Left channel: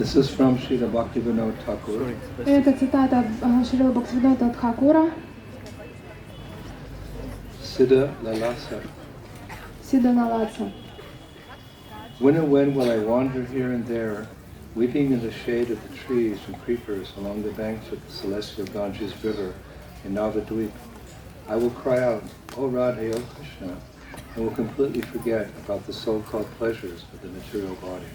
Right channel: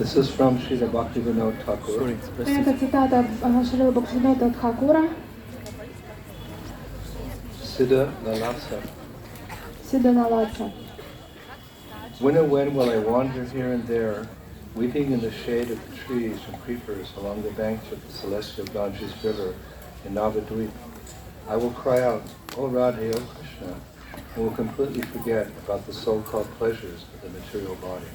This is from Srila Bhaktivinoda Thakur. Это цитата Шрила Бхактивинода Тхакура. Siddha Lalasa. Сидха Наласа. When and when will I wander here and there, weeping in the shade of the trees and creepers along the banks of the celestial Ganges River in Navadvip? I will cry out, O Radhe, O Krishna, and will completely forget about the so-called pleasures of the material body.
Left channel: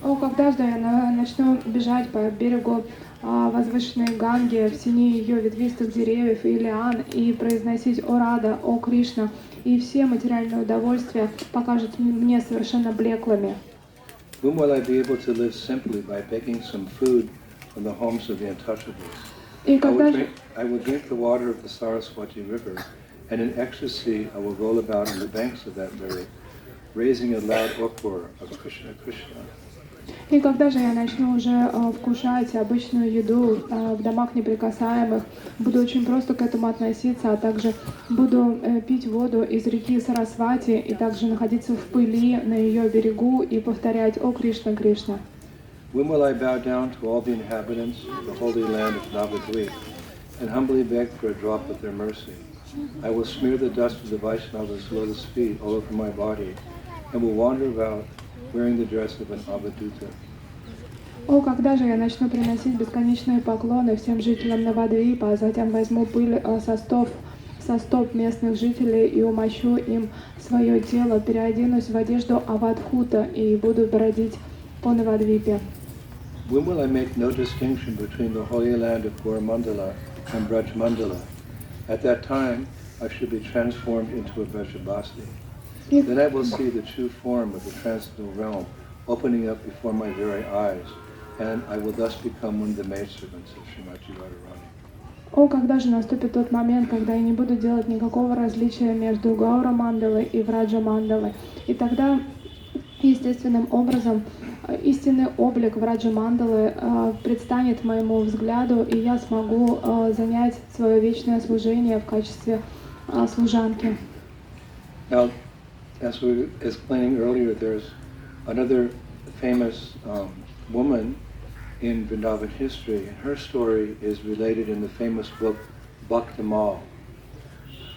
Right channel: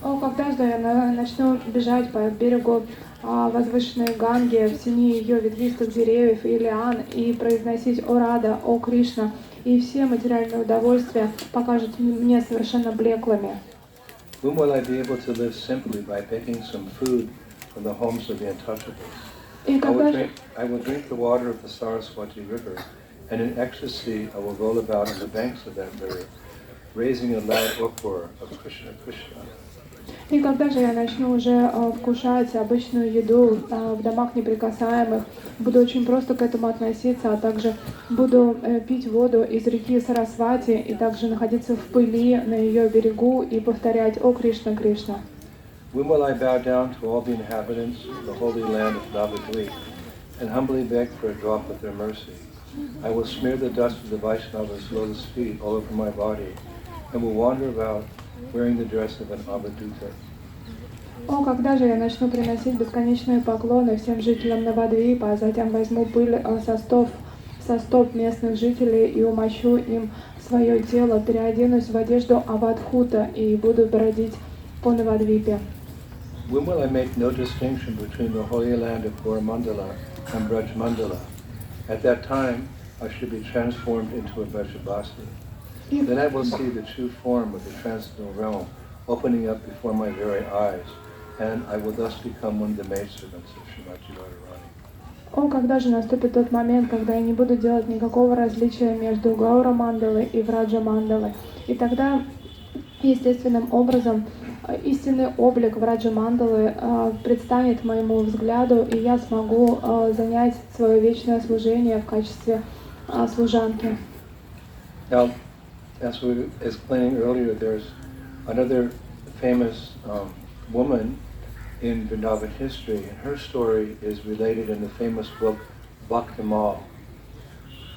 О, когда же я начну бежать по берегу возвышенной Ганги в тени ее ветвистых деревьев и лиан и произносить «О Рада, о Кришна», и все материальные удовольствия покажут мне совершенно блеклыми. When will I be able to live simply by begging some food from the homes of the untouchables? И когда же... I will drink the water of the Saraswati River, and in ecstasy I will roll about on the banks of that river, raising a loud uproar of Krishna, Krishna. И когда же я начну уже вкушать обычную еду в домах неприкасаемых, буду очень просто к этому относиться, а также буду пить воду из реки Сарасвати и также находиться в пыли на ее берегу и повторять «О Кришна, Кришна». When will I bow down to all the inhabitants of the holy land of Navadvip and humbly beg for a drop of their mercy? I will smear the dust of the Vaishnava's lotus feet all over my body and will wander about wearing the dress of an avaduta. О, когда же я начну приносить бесконечные поклоны всем жителям Навадвипа, а затем возьму пыль со стоп местных жителей и умощу им свое тело, переоденусь в одежду Авадхута и буду бродить по Навадвипе. When will I make no distinction between the holy land of Mandala and Braj Mandala? At that time, I should be transformed into a Brajabasi. Then I will see the true form of the transcendental realm opening up before my very eyes, and I will thus become one of the maidservants of Srimati Radharani. О, когда же наступит тот момент, когда я не буду делать никакого различия между Гаура Мандалой и Враджа Мандалой. И тогда, естественным образом, истинный облик Враджа Мандалы предстанет моему взгляду, и я смогу занять свое вечное служение в качестве служанки. Now, as we were explaining earlier, there's another famous woman in Vrindavan history, and her story is related in the famous book Bhaktimal.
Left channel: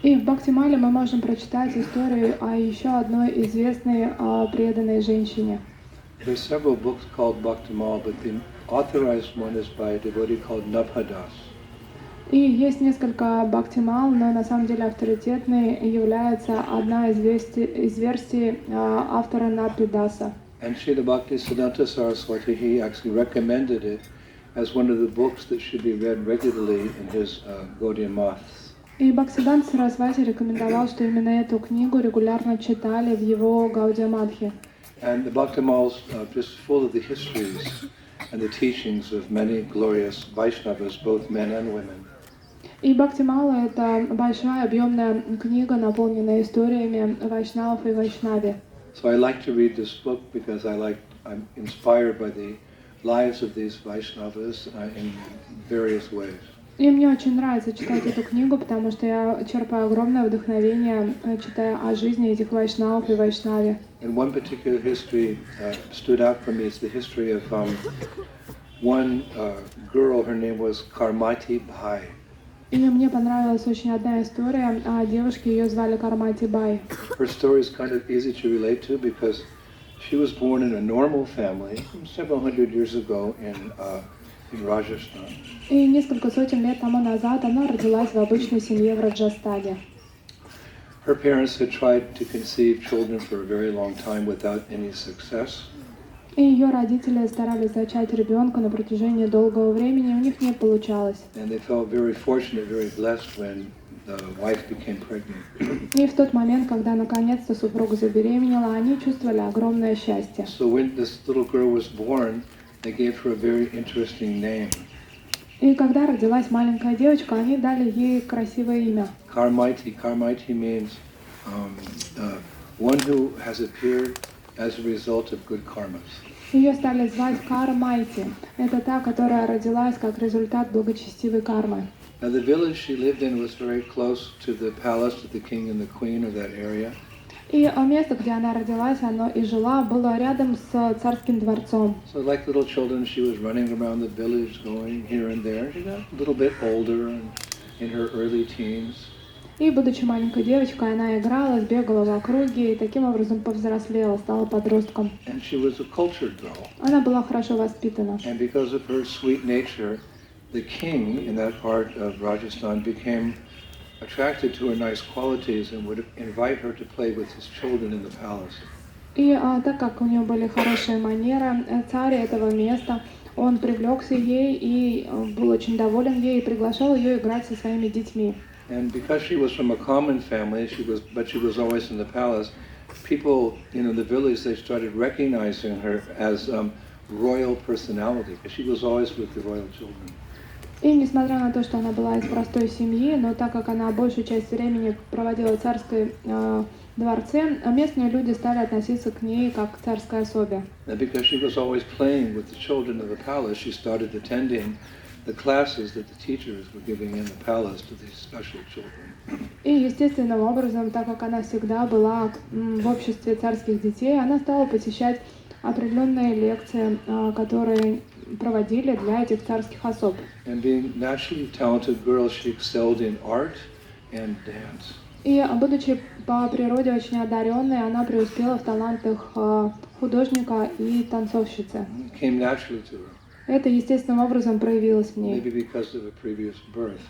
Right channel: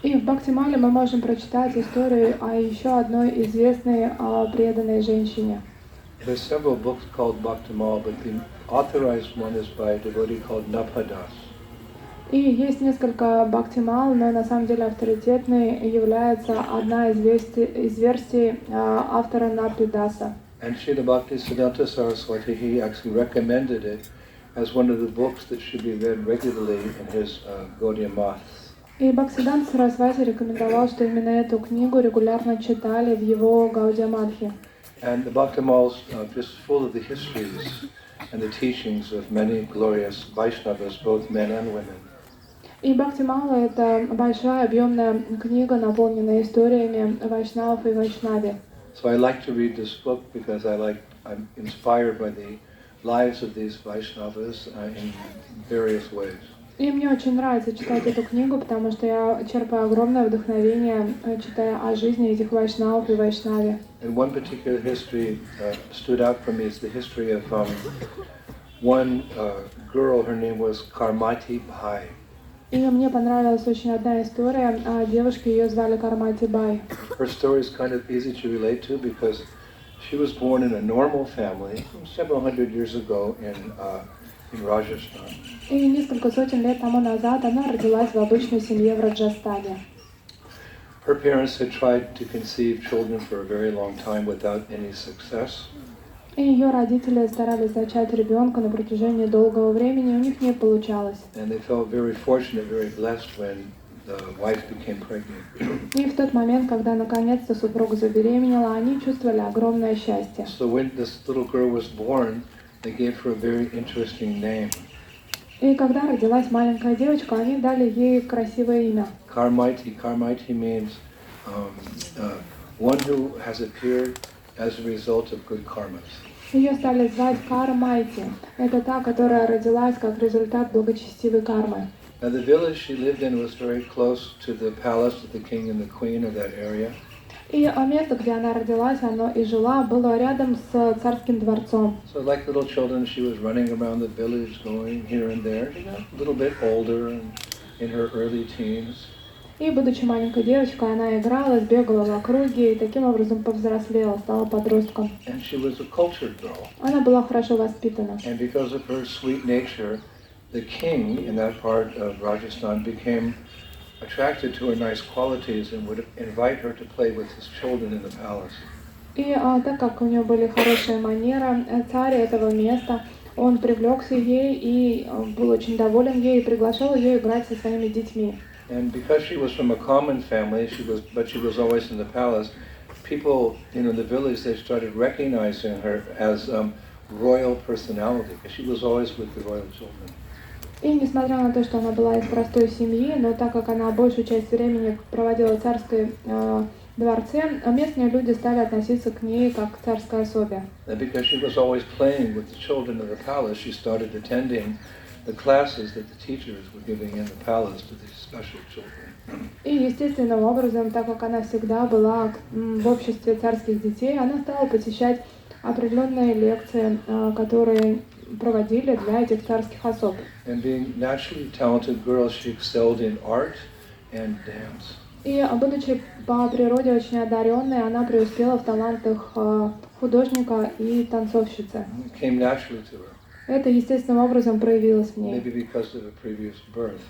И в Бхактимале мы можем прочитать историю о еще одной известной преданной женщине. There's several books called Bhaktimal, but the authorized one is by a devotee called Nabhadas. И есть несколько Бхактимал, но на самом деле авторитетной является одна из версий автора Набхадаса. And Srila Bhaktisiddhanta Saraswati, he actually recommended it as one of the books that should be read regularly in his Gaudiya Maths. И Бхактисиддханта Сарасвати рекомендовал, что именно эту книгу регулярно читали в его Гаудия Мадхе. And the Bhaktimal's just full of the histories and the teachings of many glorious Vaishnavas, both men and women. И Бхактимала — это большая объемная книга, наполненная историями вайшнавов и вайшнави. So I like to read this book because I'm inspired by the lives of these Vaishnavas in various ways. И мне очень нравится читать эту книгу, потому что я черпаю огромное вдохновение, читая о жизни этих вайшнавов и вайшнави. And one particular history stood out for me is the history of one girl. Her name was Karmati Bhai. И мне понравилась очень одна история о девушке, ее звали Кармати Бай. Her story is kind of easy to relate to because she was born in a normal family several hundred years ago in Rajasthan. И несколько сотен лет тому назад она родилась в обычной семье в Раджастане. Her parents had tried to conceive children for a very long time without any success. И ее родители старались зачать ребенка на протяжении долгого времени, у них не получалось. And they felt very fortunate, very blessed when the wife became pregnant. И в тот момент, когда наконец-то супруга забеременела, они чувствовали огромное счастье. So when this little girl was born, they gave her a very interesting name. И когда родилась маленькая девочка, они дали ей красивое имя. Karmaiti. Karmaiti means one who has appeared as a result of good karmas. Ее стали звать Кармайти. Это та, которая родилась как результат благочестивой кармы. Now the village she lived in was very close to the palace of the king and the queen of that area. И место, где она родилась, оно и жила, было рядом с царским дворцом. So like little children, she was running around the village, going here and there. She got a little bit older and in her early teens. И, будучи маленькой девочкой, она играла, бегала в округе и таким образом повзрослела, стала подростком. And she was a cultured girl. Она была хорошо воспитана. And because of her sweet nature, the king in that part of Rajasthan became attracted to her nice qualities and would invite her to play with his children in the palace. И так как у нее были хорошие манеры, царь этого места, он привлекся ей и был очень доволен ей и приглашал ее играть со своими детьми. And because she was from a common family, but she was always in the palace, people, in the village, they started recognizing her as royal personality, because she was always with the royal children. И несмотря на то, что она была из простой семьи, но так как она большую часть времени проводила в царской дворце, местные люди стали относиться к ней как к царской особе. And because she was always playing with the children of the palace, she started attending the classes that the teachers were giving in the palace to these special children. И естественным образом, так как она всегда была в обществе царских детей, она стала посещать определенные лекции, которые проводили для этих царских особ. And being naturally talented girl, she excelled in art and dance. И, будучи по природе очень одаренной, она преуспела в талантах художника и танцовщицы. It came naturally to her, Это естественным образом проявилось в ней. maybe because of a previous birth.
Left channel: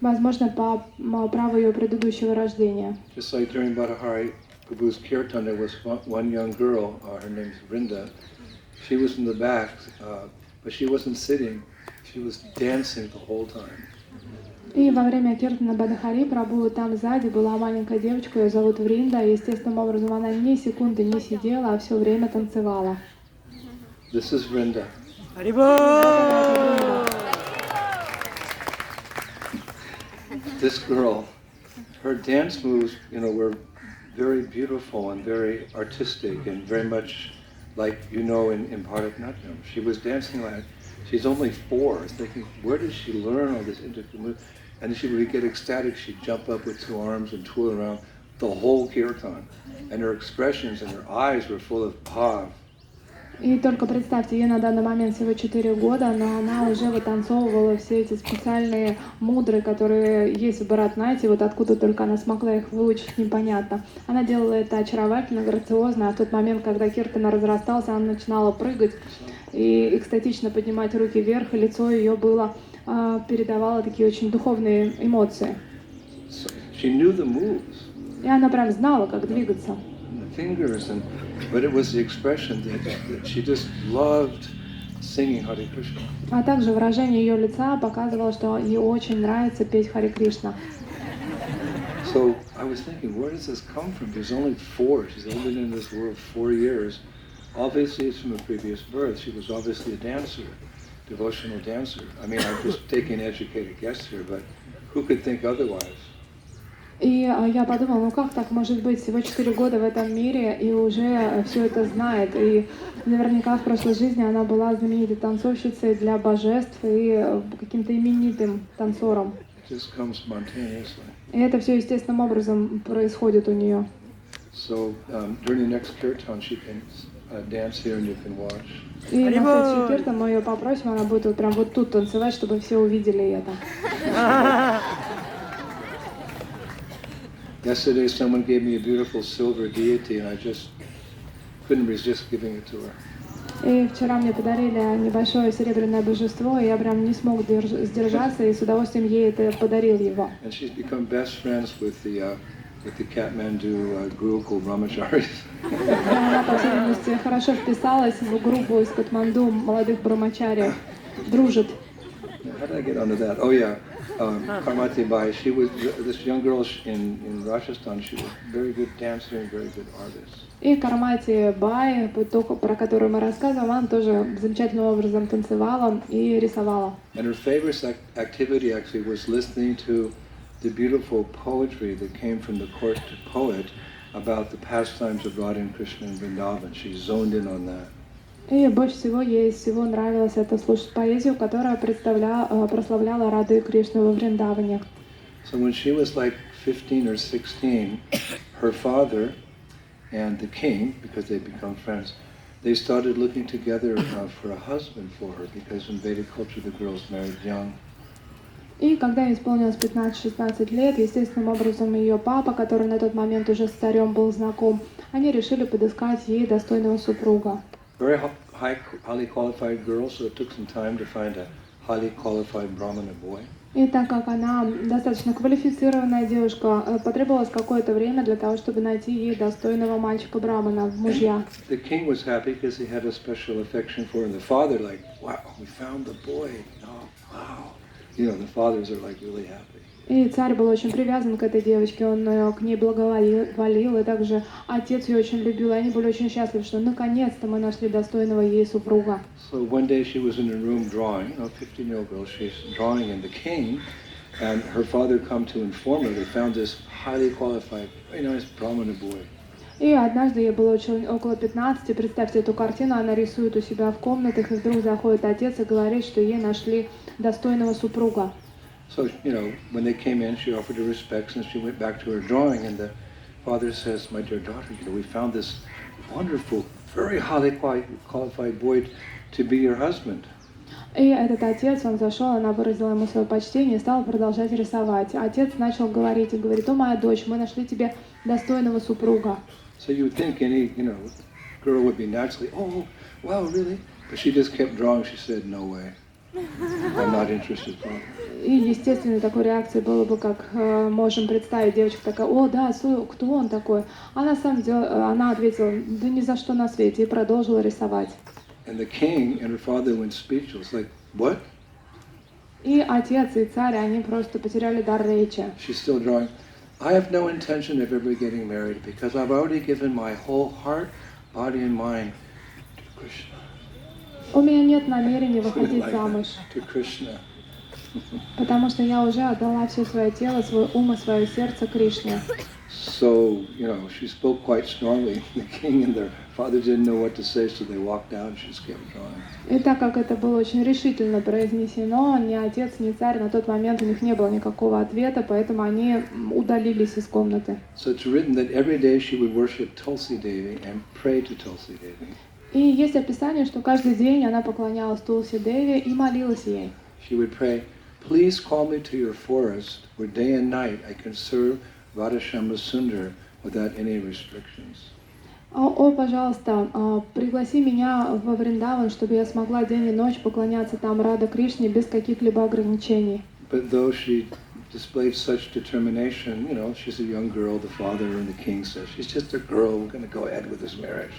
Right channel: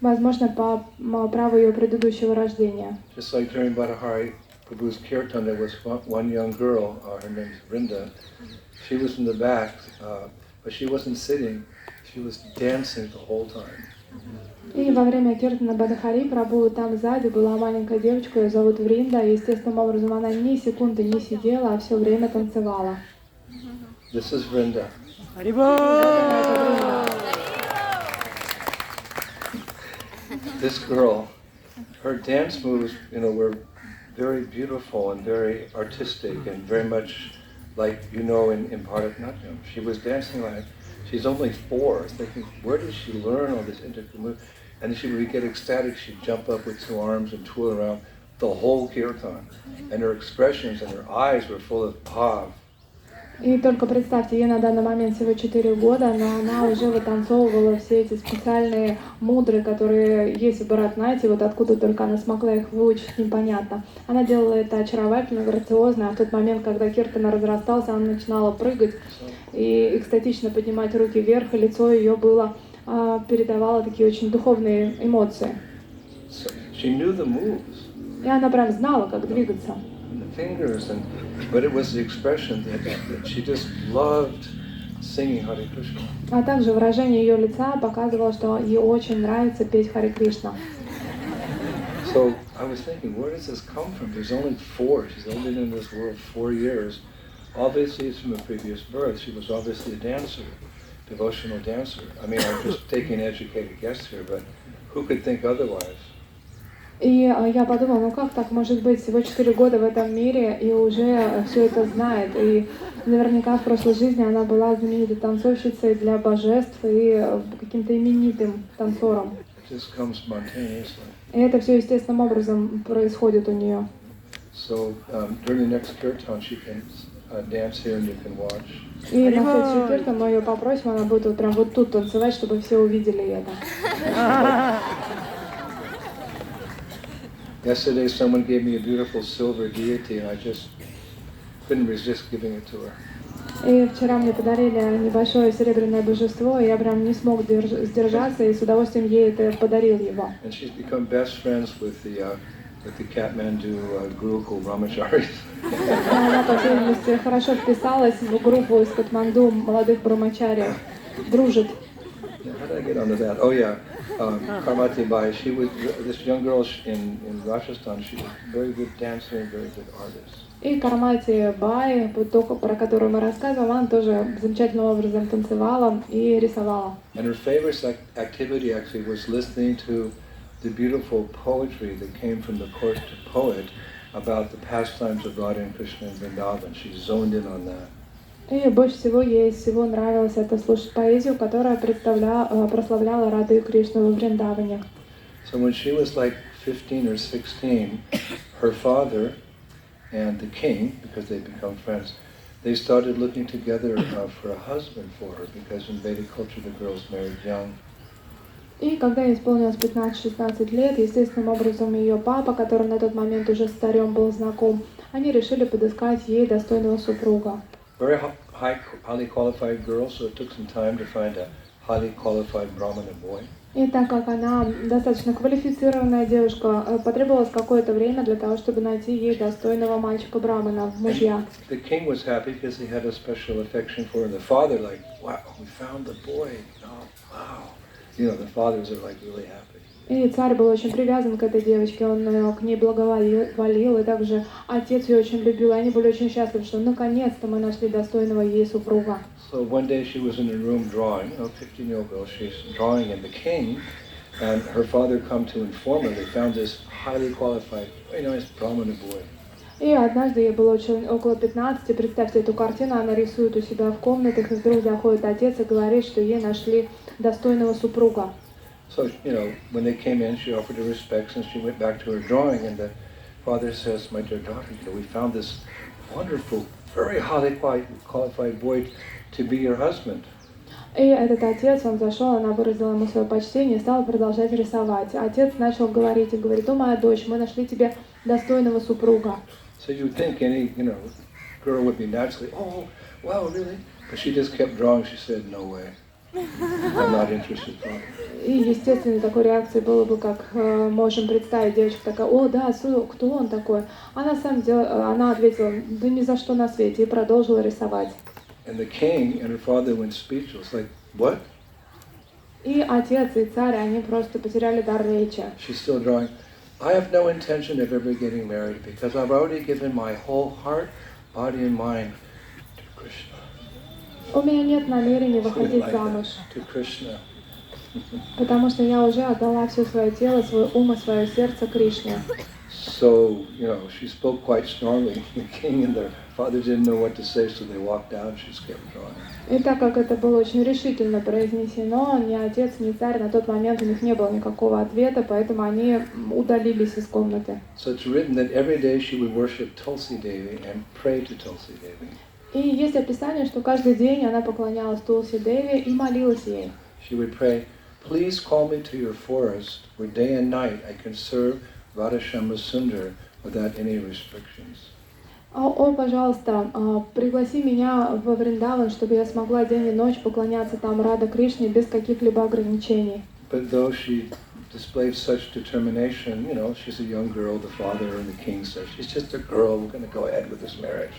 Возможно, по праву ее предыдущего рождения. Just like during Bhattahari Prabhu's kirtan, there was one young girl, her name is Vrinda. She was in the back, but she wasn't sitting, she was dancing the whole time. И во время киртана Бадахари Прабху там сзади была маленькая девочка, ее зовут Вринда. Естественным образом она ни секунды не сидела, а все время танцевала. This is Vrinda. This girl, her dance moves, were very beautiful and very artistic and very much like, in Bharatanatyam. She was dancing like, she's only 4, thinking, where did she learn all this intricate move? And she would get ecstatic, she'd jump up with 2 arms and twirl around the whole kirtan. And her expressions and her eyes were full of bhav. И только представьте, ей на данный момент всего 4 года, но она уже вытанцовывала все эти специальные мудры, которые есть в Бхаратанатье, вот откуда только она смогла их выучить, непонятно. Она делала это очаровательно, грациозно, а в тот момент, когда киртана разрастался, она начинала прыгать и экстатично поднимать руки вверх, и лицо ее было, передавало такие очень духовные эмоции. She knew the moves. И она прям знала, как двигаться. Fingers, but it was the expression that she just loved singing Hare Krishna. А также выражение ее лица показывало, что ей очень нравится петь Харе Кришна. So I was thinking, where does this come from? She's only 4. She's only been in this world 4 years. Obviously, it's from a previous birth. She was obviously a dancer, devotional dancer. I mean, I'm just taking an educated guess here, but who could think otherwise? И я подумала, ну как так может быть, всего 4 года в этом мире и уже все это знает. И наверняка в прошлой жизни она была знаменитой танцовщицей для божеств и каким-то именитым танцором. И это все естественным образом происходит у нее. So during the next kirtan she can dance here and you can watch. И на следующий киртан мы ее попросим, она будет вот прям вот тут танцевать, чтобы все увидели это. Yesterday someone gave me a beautiful silver deity and I just couldn't resist giving it to her. И вчера мне подарили небольшое серебряное божество, и я прям не смог сдержаться, и с удовольствием ей это подарил его. And she's become best friends with the Kathmandu Gurukul Brahmacharis. Она, по всей видимости, хорошо вписалась в группу из Катманду молодых брамачариев, дружит. How did I get onto that? Oh yeah. Karmati Bai, she was this young girl in Rajasthan. She was a very good dancer and very good artist. И Кармати Бай, про которую мы рассказываем, она тоже замечательным образом танцевала и рисовала. And her favorite activity actually was listening to the beautiful poetry that came from the court poet about the pastimes of Radha and Krishna in Vrindavan. She zoned in on that. И больше всего ей всего нравилось это слушать поэзию, которая прославляла Раду и Кришну во Вриндаване. So when she was like 15 or 16, her father and the king, because they become friends, they started looking together for a husband for her, because in Vedic culture the girls married young. И когда ей исполнилось 15-16 лет, естественным образом ее папа, который на тот момент уже с царем был знаком, они решили подыскать ей достойного супруга. Very highly qualified girl, so it took some time to find a highly qualified Brahmana boy. И так как она достаточно квалифицированная девушка, потребовалось какое-то время для того, чтобы найти ей достойного мальчика Брамана в мужья. The king was happy because he had a special affection for her. And the father, like, wow, we found the boy. Oh, wow. You know, the fathers are like really happy. И царь был очень привязан к этой девочке, он к ней благоволил, и также отец ее очень любил, и они были очень счастливы, что наконец-то мы нашли достойного ей супруга. So one day she was in a room drawing, a 15-year-old girl, she's drawing, and the king and her father come to inform her they found this highly qualified, very nice Brahmana boy. И однажды ей было около 15, представьте эту картину, она рисует у себя в комнатах, и вдруг заходит отец и говорит, что ей нашли достойного супруга. So, you know, when they came in, she offered her respects and she went back to her drawing, and the father says, my dear daughter, you know, we found this wonderful, very highly qualified boy to be your husband. И этот отец, он зашел, она выразила ему свое почтение и стала продолжать рисовать. Отец начал говорить и говорит, о, моя дочь, мы нашли тебе достойного супруга. So you would think any, you know, girl would be naturally, oh, wow, really? But she just kept drawing. She said, no way. I'm not interested. И, естественно, такой реакцией было бы, как можем представить, девочка такая, о, да, кто он такой? А на самом деле, она ответила, да ни за что на свете, и продолжила рисовать. And the king and her father went speechless, like, what? И отец, и царь, они просто потеряли дар речи. She's still drawing. I have no intention of ever getting married because I've already given my whole heart, body and mind to Krishna. У меня нет намерения выходить Like замуж, that, to Krishna. потому что я уже отдала все свое тело, свой ум и свое сердце Кришне. So, you know, she spoke quite strongly. The king and the father didn't know what to say, so they walked out and she just kept drawing. И так как это было очень решительно произнесено, ни отец, ни царь на тот момент у них не было никакого ответа, поэтому они удалились из комнаты. So it's written that every day she would worship Tulsi Devi and pray to Tulsi Devi. И есть описание, что каждый день она поклонялась Тулси Деви и молилась ей. She would pray, please call me to your forest where day and night I can serve Radhashama Sundar without any restrictions. О, пожалуйста, пригласи меня во Вриндаван, чтобы я смогла день и ночь поклоняться там Рада Кришне без каких-либо ограничений. But though she displayed such determination, you know, she's a young girl, the father and the king said, she's just a girl, we're going to go ahead with this marriage.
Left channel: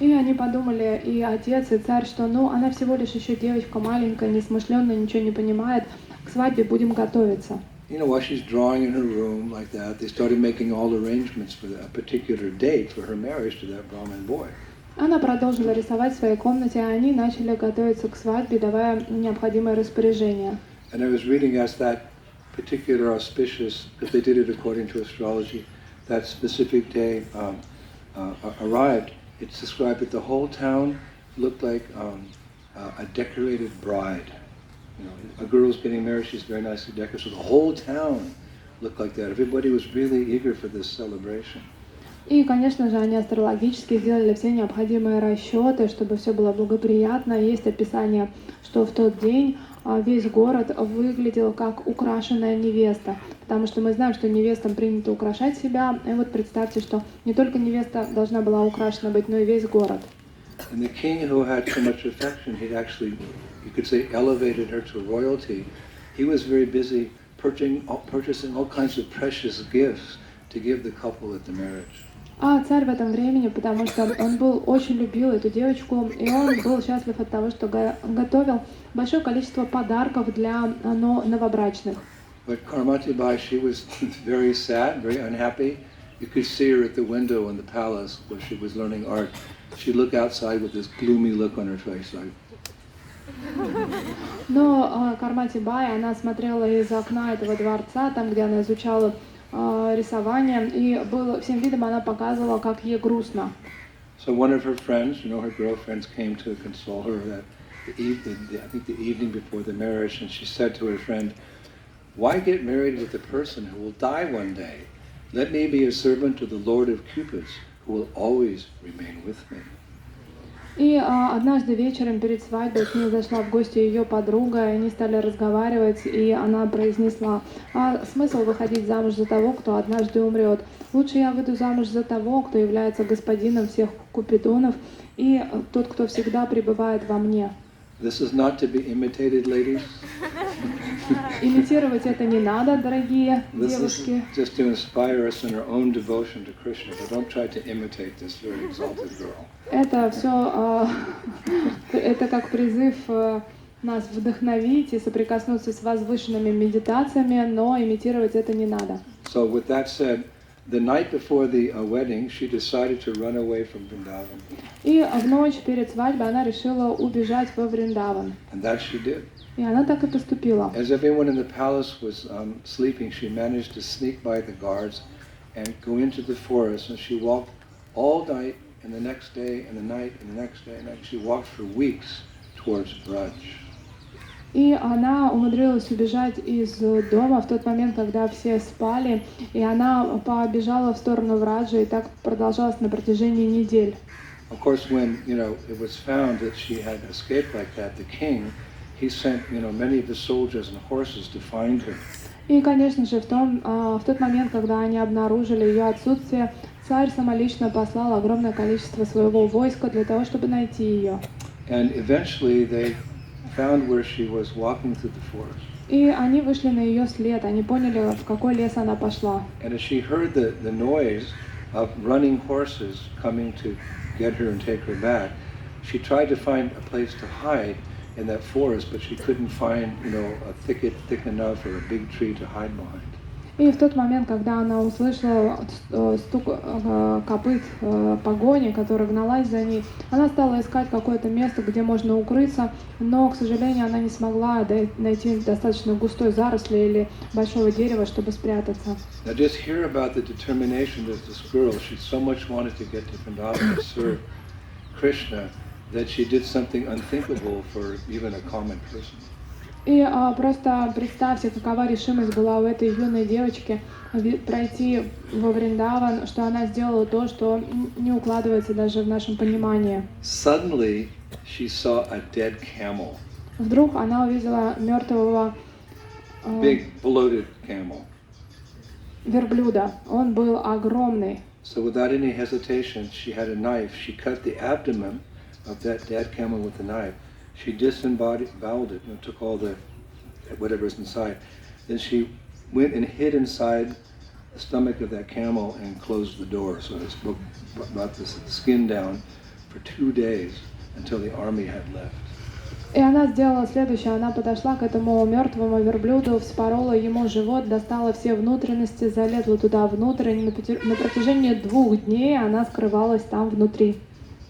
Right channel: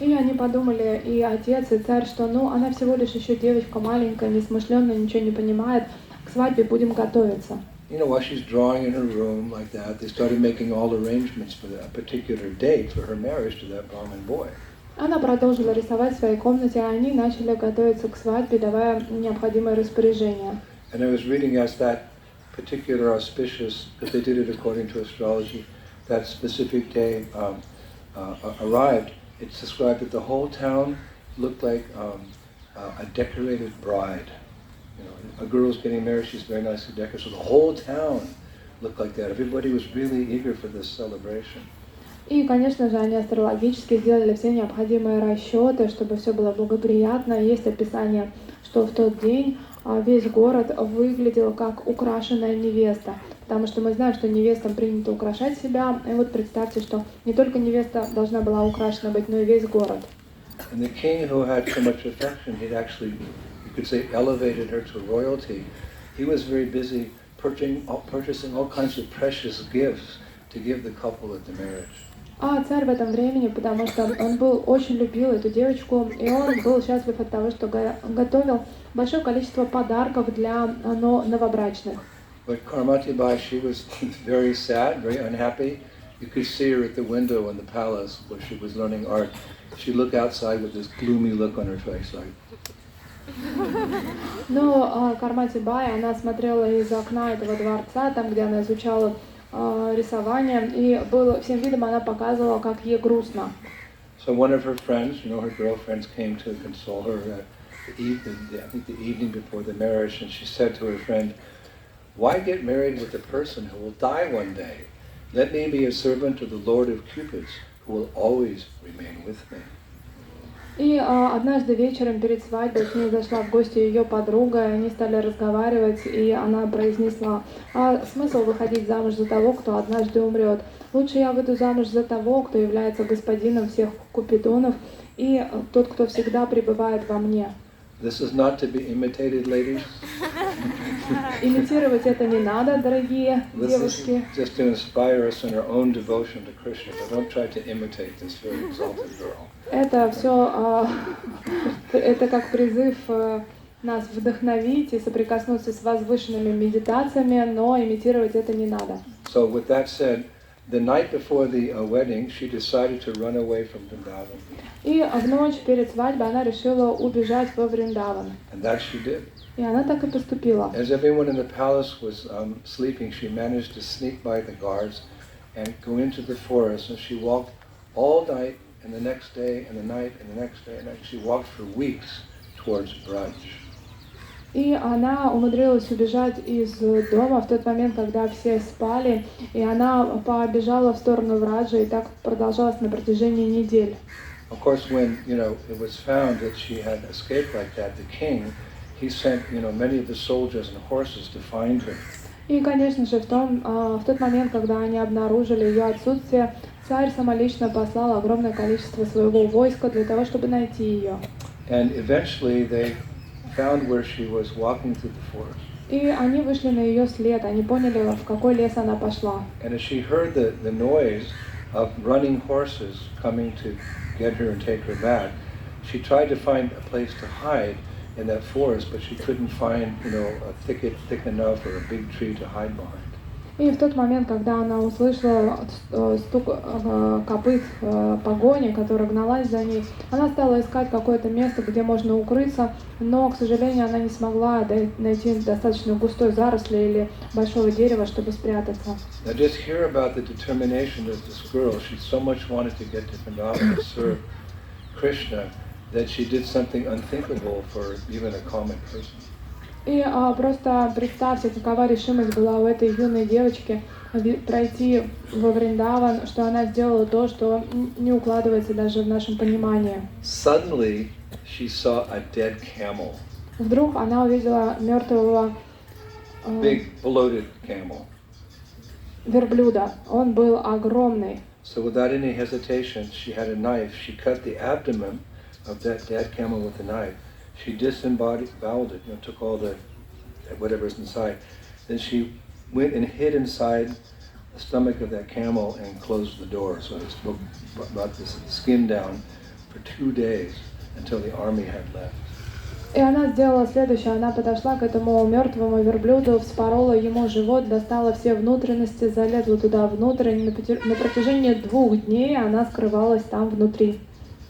И они подумали, и отец, и царь, что ну, она всего лишь еще девочка маленькая, несмышленная, ничего не понимает, к свадьбе будем готовиться. You know, while she's drawing in her room like that, they started making all arrangements for a particular date for her marriage to that Brahmin boy. Она продолжила рисовать в своей комнате, а они начали готовиться к свадьбе, давая необходимое распоряжение. And I was reading as that particular auspicious, because they did it according to astrology, that specific day arrived. It's described that the whole town looked like a decorated bride. You know, a girl's getting married, she's very nicely decorated. So the whole town looked like that. Everybody was really eager for this celebration. И, конечно же, они астрологически сделали все необходимые расчеты, чтобы все было благоприятно. Есть описание, что в тот день весь город выглядел как украшенная невеста, потому что мы знаем, что невестам принято украшать себя. И вот представьте, что не только невеста должна была украшена быть, но и весь город. And the king, who had so much affection, he'd actually, you could say, elevated her to royalty. He was very busy purchasing all kinds of precious gifts to give the couple at the marriage. А царь в этом времени, потому что он очень любил эту девочку, и он был счастлив от того, что готовил большое количество подарков для новобрачных. But Karmati Bai, she was very sad, very unhappy. You could see her at the window in the palace where she was learning art. She'd look outside with this gloomy look on her face, like. Но Кармати Бай, она смотрела из окна этого дворца, там, где она изучала рисование, и всем видом она показывала, как ей грустно. So one of her friends, you know, her girlfriends came to console her that I think the evening before the marriage, and she said to her friend, "Why get married with a person who will die one day? Let me be a servant to the Lord of Cupids, who will always remain with me. И однажды вечером перед свадьбой с ней зашла в гости ее подруга, и они стали разговаривать, и она произнесла: смысл выходить замуж за того, кто однажды умрет? Лучше я выйду замуж за того, кто является господином всех купидонов, и тот, кто всегда пребывает во мне. This is not to be imitated, ladies. Имитировать это не надо, дорогие девушки. This is just to inspire us in our own devotion to Krishna, but don't try to imitate this very exalted girl. Это все, это как призыв нас вдохновить и соприкоснуться с возвышенными медитациями, но имитировать это не надо. So with that said, the night before the wedding, she decided to run away from Vrindavan. И в ночь перед свадьбой она решила убежать во Вриндаван. And that she did. И она так и поступила. As everyone in the palace was sleeping, she managed to sneak by the guards and go into the forest. And she walked all night, and the next day, and the night, and the next day, and she walked for weeks towards Braj. И она умудрилась убежать из дома в тот момент, когда все спали, и она побежала в сторону Враджа, и так продолжалось на протяжении недель. Of course, when it was found that she had escaped like that, the king, he sent many of the soldiers and horses to find her. И, конечно же, в тот момент, когда они обнаружили ее отсутствие, царь самолично послал огромное количество своего войска для того, чтобы найти ее. And eventually they found where she was walking through the forest. И они вышли на ее след, они поняли, в какой лес она пошла. And as she heard the noise of running horses coming to get her and take her back, she tried to find a place to hide in that forest, but she couldn't find, a thicket thick enough or a big tree to hide behind. И в тот момент, когда она услышала стук копыт погони, которая гналась за ней, она стала искать какое-то место, где можно укрыться, но, к сожалению, она не смогла найти достаточно густой заросли или большого дерева, чтобы спрятаться. Now just hear about the determination of this girl. She so much wanted to get to Vrindavan to serve Krishna that she did something unthinkable for even a common person. И просто представьте, какова решимость была у этой юной девочки пройти во Вриндаван, что она сделала то, что не укладывается даже в нашем понимании. Suddenly, she saw a dead camel. Вдруг она увидела мертвого Big, bloated camel. верблюда. Он был огромный. So without any hesitation, she had a knife. She cut the abdomen of that dead camel with a knife. She disemboweled it, took all the whatever's inside. Then she went and hid inside the stomach of that camel and closed the door. So it brought the skin down for 2 days until the army had left. И она сделала следующее. Она подошла к этому мертвому верблюду, вспорола ему живот, достала все внутренности, залезла туда внутрь. И на протяжении 2 дней она скрывалась там внутри.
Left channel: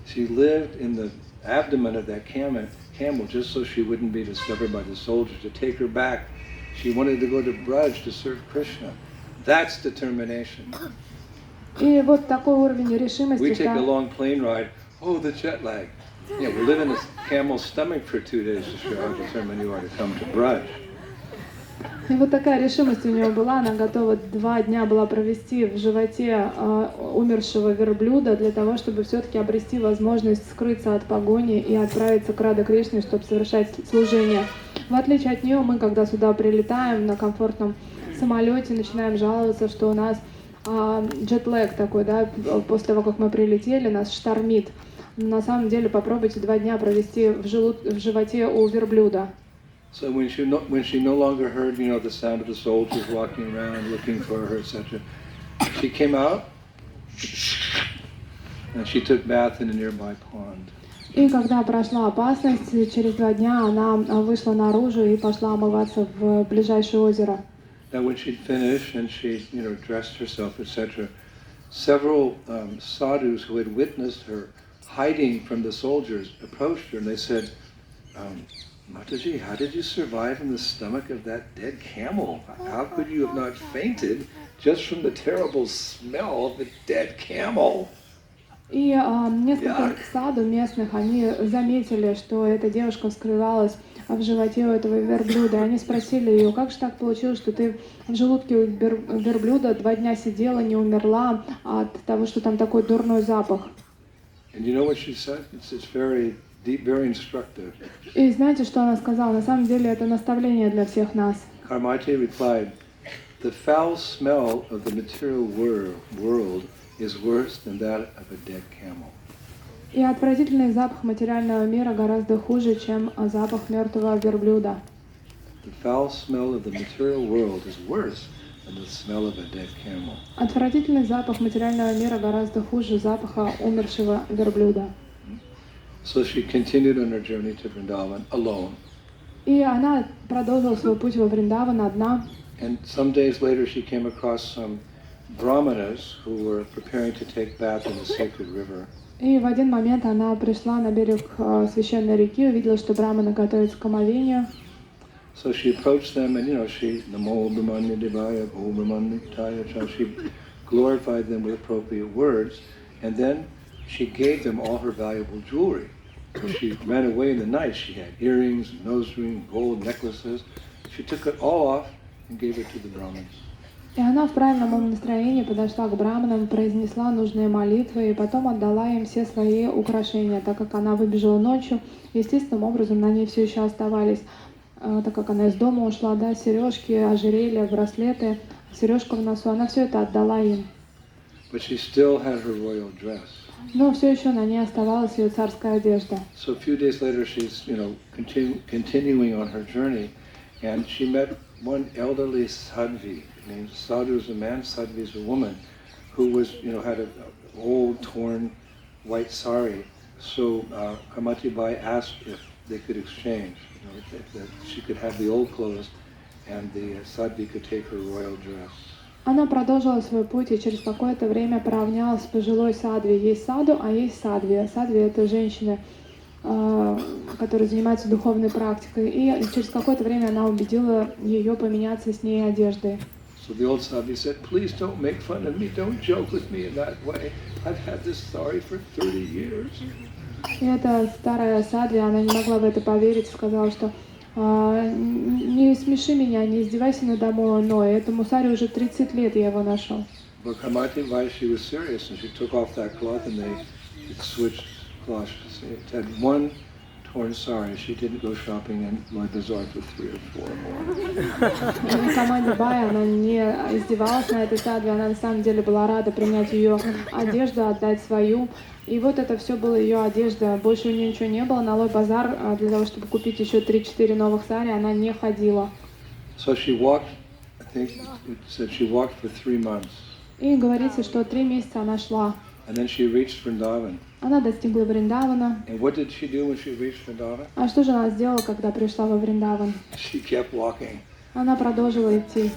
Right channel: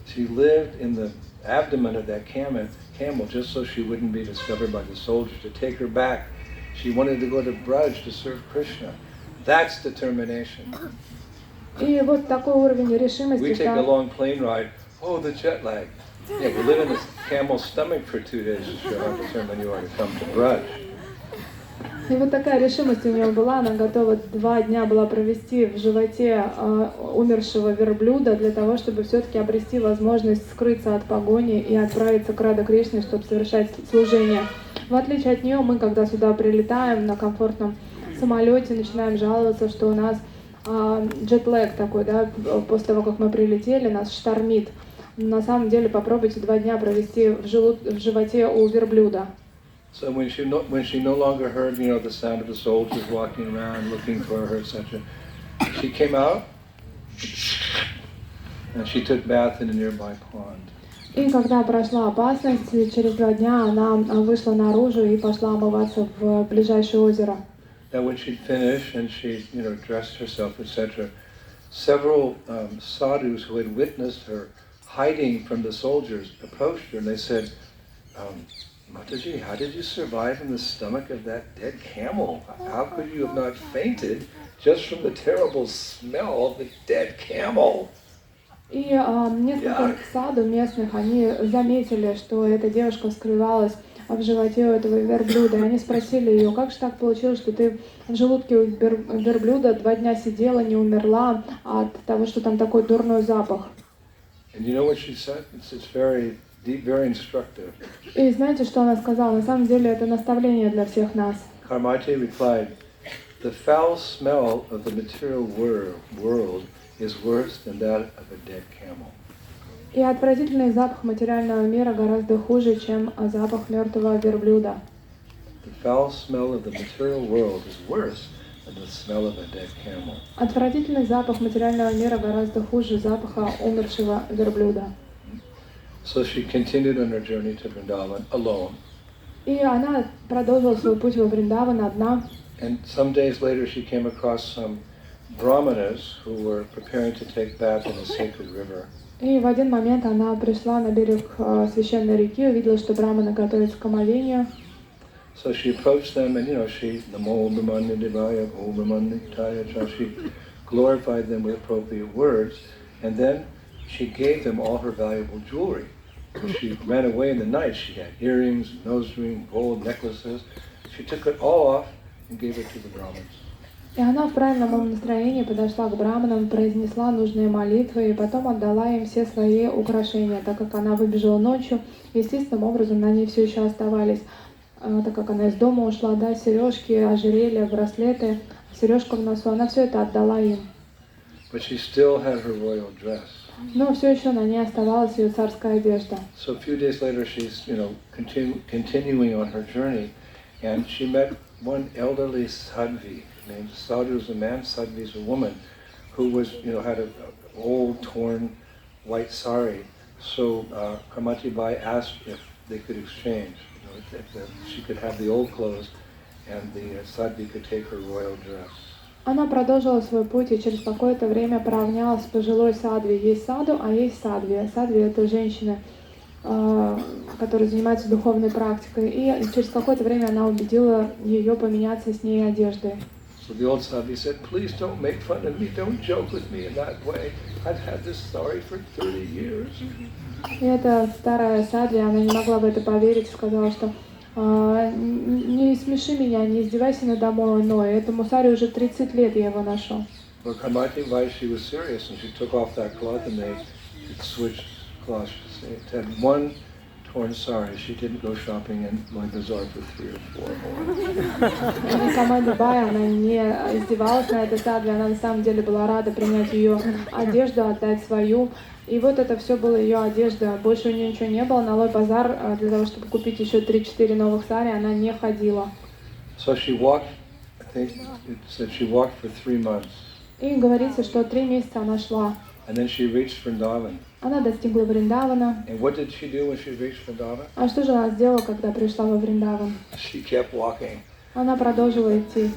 She lived in the abdomen of that camel just so she wouldn't be discovered by the soldiers to take her back. She wanted to go to Braj to serve Krishna. That's determination. И вот такой уровень решимости. We take a long plane ride. Oh, the jet lag. Yeah, we live in this camel's stomach for 2 days to show how determined you are to come to Braj. И вот такая решимость у нее была, она готова 2 дня была провести в животе умершего верблюда для того, чтобы все-таки обрести возможность скрыться от погони и отправиться к Радhe Кришне, чтобы совершать служение. В отличие от нее, мы, когда сюда прилетаем на комфортном самолете, начинаем жаловаться, что у нас джетлэг такой, да, после того, как мы прилетели, нас штормит. На самом деле, попробуйте 2 дня провести в животе у верблюда. So when she no longer heard, the sound of the soldiers walking around looking for her, etc., she came out and she took bath in a nearby pond. И когда прошла опасность, через 2 дня она вышла наружу и пошла омываться в ближайшее озеро. Now when she'd finished and she, dressed herself, etc., several sadhus who had witnessed her hiding from the soldiers approached her and they said, Mataji, how did you survive in the stomach of that dead camel? How could you have not fainted just from the terrible smell of the dead camel? И несколько саду местных, они заметили, что эта девушка скрывалась в животе у этого верблюда. И они спросили ее, как же так получилось, что ты в желудке у верблюда 2 дня сидела, не умерла от того, что там такой дурной запах. And you know what she said? It's very deep, very instructive. И знаете, что она сказала? На самом деле это наставление для всех нас. Karmati replied, the foul smell of the material world is worse than that of a dead camel. И отвратительный запах материального мира гораздо хуже, чем запах мертвого верблюда. The foul smell of the material world is worse than the smell of a dead camel. Отвратительный запах материального мира гораздо хуже запаха умершего верблюда. So she continued on her journey to Vrindavan alone. И она продолжила свой путь во Вриндаван одна. And some days later she came across some brahmanas who were preparing to take bath in a sacred river. И в один момент она пришла на берег священной реки, увидела, что браманы готовятся к омовению. So she approached them and, she glorified them with appropriate words, and then she gave them all her valuable jewelry. She ran away in the night. She had earrings, nose ring, gold necklaces. She took it all off and gave it to the Brahmins. И она в правильном настроении подошла к браманам, произнесла нужные молитвы и потом отдала им все свои украшения, так как она выбежала ночью. Естественным образом на ней все еще оставались, так как она из дома ушла, да, сережки, ожерелья, браслеты, сережка в носу, она все это отдала им. But she still had her royal dress. Но все еще на ней оставалась ее царская одежда. So a few days later she's, continuing on her journey, and she met one elderly sadhvi. Sadhu is a man, sadhvi is a woman, who was, had an old torn white sari. So Kamati Bai asked if they could exchange, if she could have the old clothes and the sadhvi could take her royal dress. Она продолжила свой путь и через какое-то время поравнялась с пожилой садхви. Есть саду, а есть садхви. Садхви — это женщины, которые занимаются духовной практикой. И через какое-то время она убедила ее поменяться с ней одеждой. So the old sadhvi said, please don't make fun of me, don't joke with me in that way. I've had this sari for 30 years. И эта старая садхви, она не могла в это поверить, сказала, что не смеши меня, не издевайся надо мной, этому сари уже 30 лет я его ношу. But Kamati Bai, she was serious, and she took off that cloth and they switched cloths. It had one torn sari. She didn't go shopping in my bazaar for 3 or 4 more. И Камати Бай, она не издевалась на этой садхви, она на самом деле была рада принять ее одежду, отдать свою. И вот это все была ее одежда. Больше у нее ничего не было. На Лой базар для того, чтобы купить еще 3-4 новых сари, она не ходила. So she walked, I think it said she walked for 3 months. И говорится, что 3 месяца она шла. And then she reached Vrindavan. Она достигла Вриндавана. And what did she do when she reached Vrindavan? А что же она сделала, когда пришла во Вриндаван? She kept walking. Она продолжила идти.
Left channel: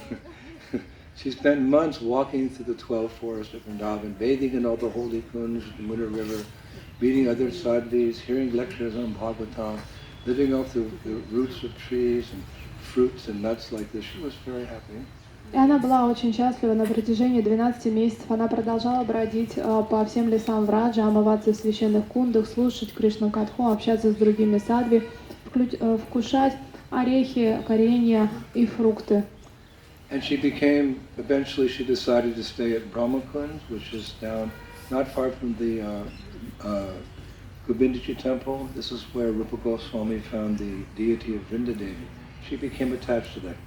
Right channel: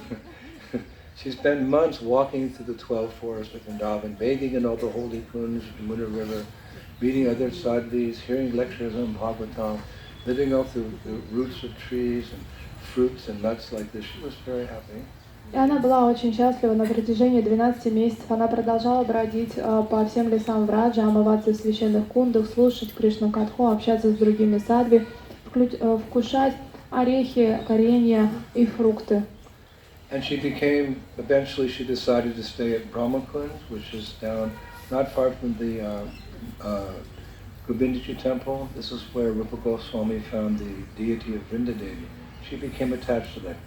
She spent months walking through the 12 forests of Vrindavan, bathing in all the holy kunds of the Mudra River, meeting other sadhvis, hearing lectures on Bhagavatam, living off the roots of trees and fruits and nuts like this. She was very happy. И она была очень счастлива. На протяжении 12 месяцев она продолжала бродить по всем лесам Враджа, омываться в священных кундах, слушать Кришну Катху, общаться с другими садхви, вкушать орехи, коренья и фрукты. And eventually she decided to stay at Brahmakund, which is down not far from the Govindaji temple. This is where Rupa Goswami found the deity of Vrindadevi. She became attached to that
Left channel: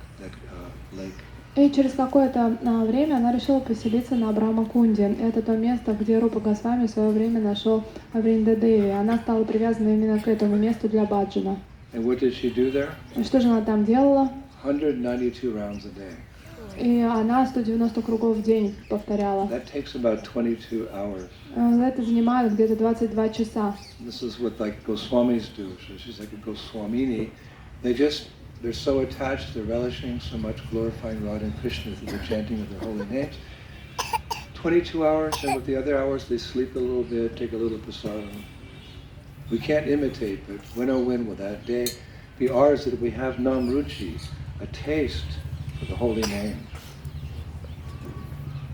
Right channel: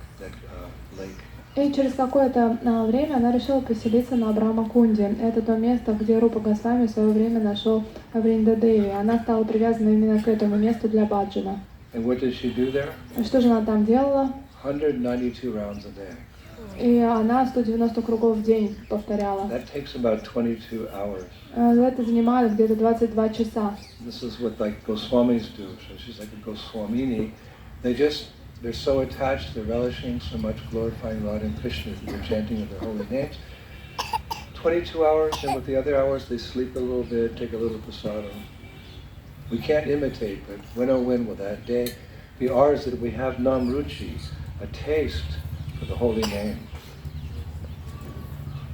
lake. И через какое-то время она решила поселиться на Брахмакунде. Это то место, где Рупа Госвами в свое время нашел Вриндадеви. Она стала привязана именно к этому месту для баджана. And what did she do there? И что же она там делала? 192 rounds a day. И она 190 кругов в день повторяла. That takes about 22 hours. Это занимает где-то 22 часа. This is what like Goswamis do. So she's like a Goswamini. They're so attached, they're relishing so much glorifying Radha and Krishna through the chanting of their holy names. 22 hours, and with the other hours they sleep a little bit, take a little prasadam. We can't imitate, but when oh when will that day be ours that we have namruchi, a taste for the holy name.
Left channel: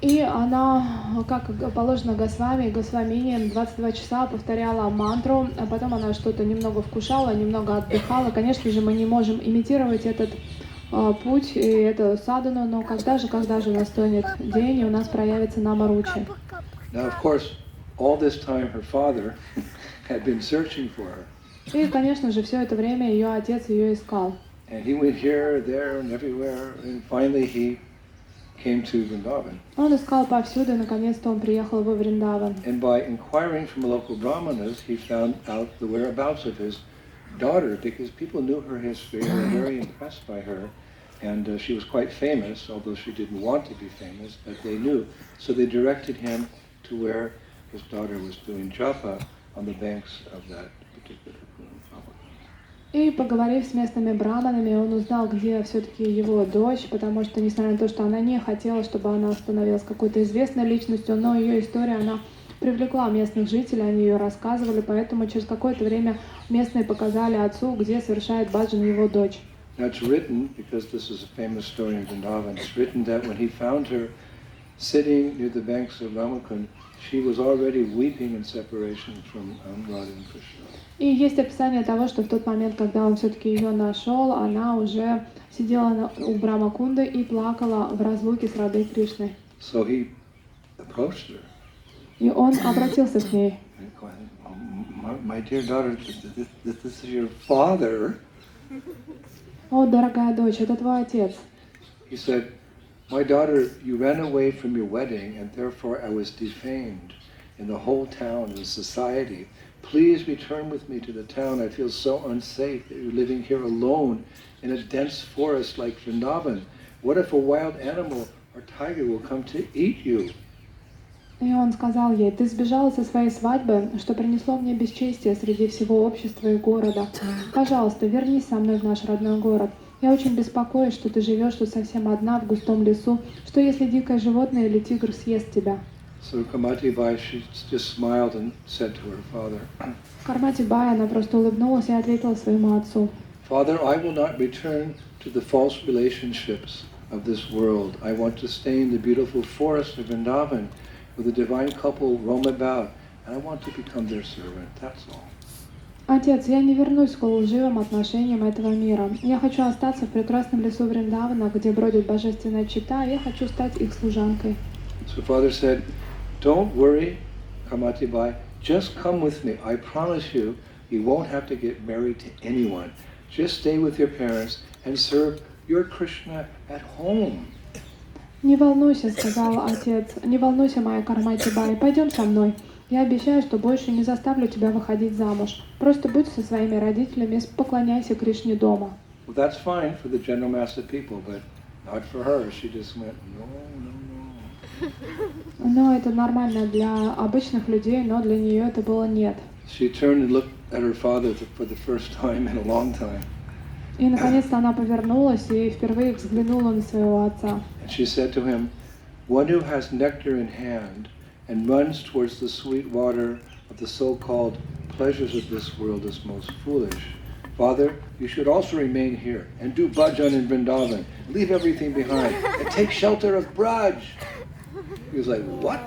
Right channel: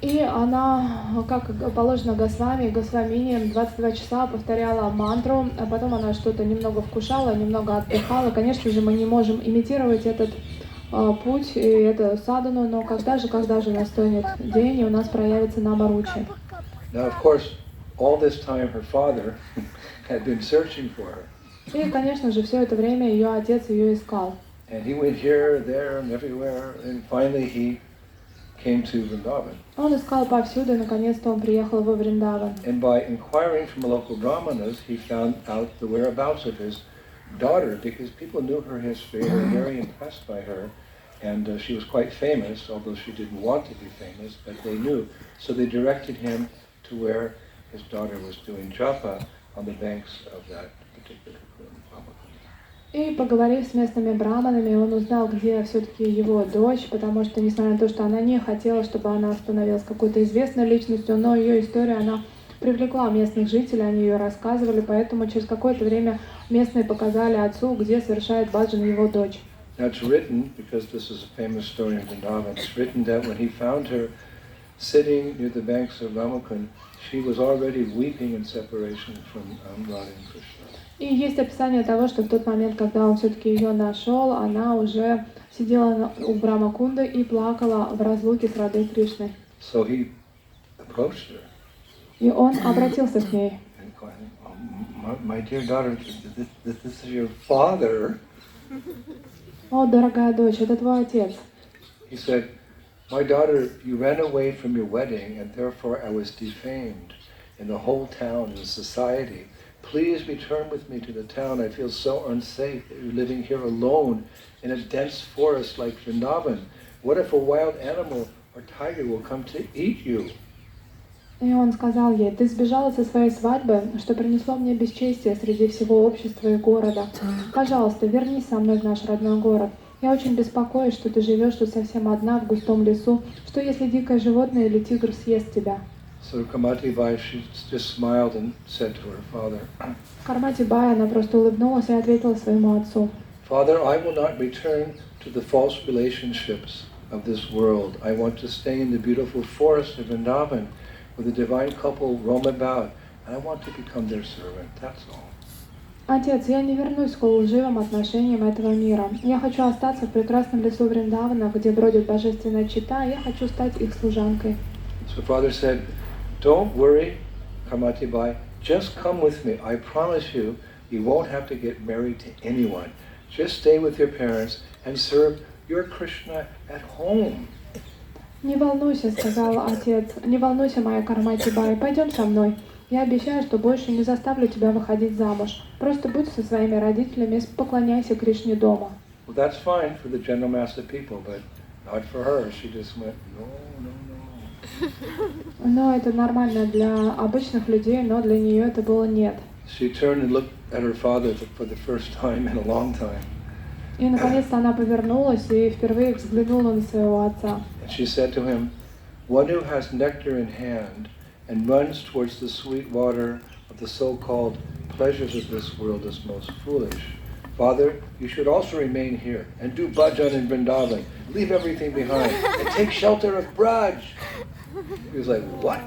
И она, как положено Госвами, Госвамини, 22 часа повторяла мантру, а потом она что-то немного вкушала, немного отдыхала. Конечно же, мы не можем имитировать этот путь и эту садхану, но когда же настанет день, и у нас проявится намаручи. Now, of course, all this time her father had been searching for her. И, конечно же, все это время ее отец ее искал. And he went here, there, and everywhere, and finally he came to Vrindavan. Он искал повсюду, и наконец-то он приехал во Вриндаван. And by inquiring from local brahmanas, he found out the whereabouts of his daughter, because people knew her history and were very impressed by her. And she was quite famous, although she didn't want to be famous, but they knew. So they directed him to where his daughter was doing japa on the banks of that particular pool. И поговорив с местными браманами, он узнал, где все-таки его дочь, потому что, несмотря на то, что она не хотела, чтобы она становилась какой-то известной личностью, но ее история, она привлекла местных жителей, они ее рассказывали, поэтому через какое-то время местные показали отцу, где совершает баджан его дочь. Now it's written, because this is a famous story in Vrindavan, it's written that when he found her sitting near the banks of Ramakund, she was already weeping in separation from Radha and Krishna. И есть описание того, что в тот момент, когда он все-таки ее нашел, она уже сидела у Брамакунды и плакала в разлуке с Радой Кришной. So he approached her. И он обратился к ней. My dear daughter, this is your father. О, дорогая дочь, это твой отец. He said, my daughter, you ran away from your wedding, and therefore I was defamed in the whole town, in society. Please return with me to the town. I feel so unsafe that you're living here alone in a dense forest like Vrindavan. What if a wild animal or tiger will come to eat you? И он сказал ей, ты сбежала со своей свадьбы, что принесло мне бесчестие среди всего общества и города. Пожалуйста, вернись со мной в наш родной город. Я очень беспокоюсь, что ты живешь тут совсем одна в густом лесу. Что если дикое животное или тигр съест тебя? So Kamati Bai, she just smiled and said to her father, Кармати Бай, она просто улыбнулась и ответила своему отцу. Father, I will not return to the false relationships of this world. I want to stay in the beautiful forest of Vrindavan where the divine couple roam about. I want to become their servant, that's all. Отец, я не вернусь к лживым отношениям этого мира. Я хочу остаться в прекрасном лесу Вриндавана, где бродит божественная чита, я хочу стать их служанкой. So father said, don't worry, Kamati Bai, just come with me. I promise you, you won't have to get married to anyone. Just stay with your parents and serve your Krishna at home. Не волнуйся, сказал отец, не волнуйся, моя Кармати Бай, пойдем со мной. Я обещаю, что больше не заставлю тебя выходить замуж. Просто будь со своими родителями, поклоняйся Кришне дома. Well, that's fine for the general mass of people, but not for her. She just went, no, no, no. Но это нормально для обычных людей, но для нее это было нет. She turned and looked at her father for the first time in a long time. И наконец-то она повернулась и впервые взглянула на своего отца. And she said to him, one who has nectar in hand and runs towards the sweet water of the so-called pleasures of this world is most foolish. Father, you should also remain here and do bhajan in Vrindavan. Leave everything behind and take shelter of Braj. He was like, what?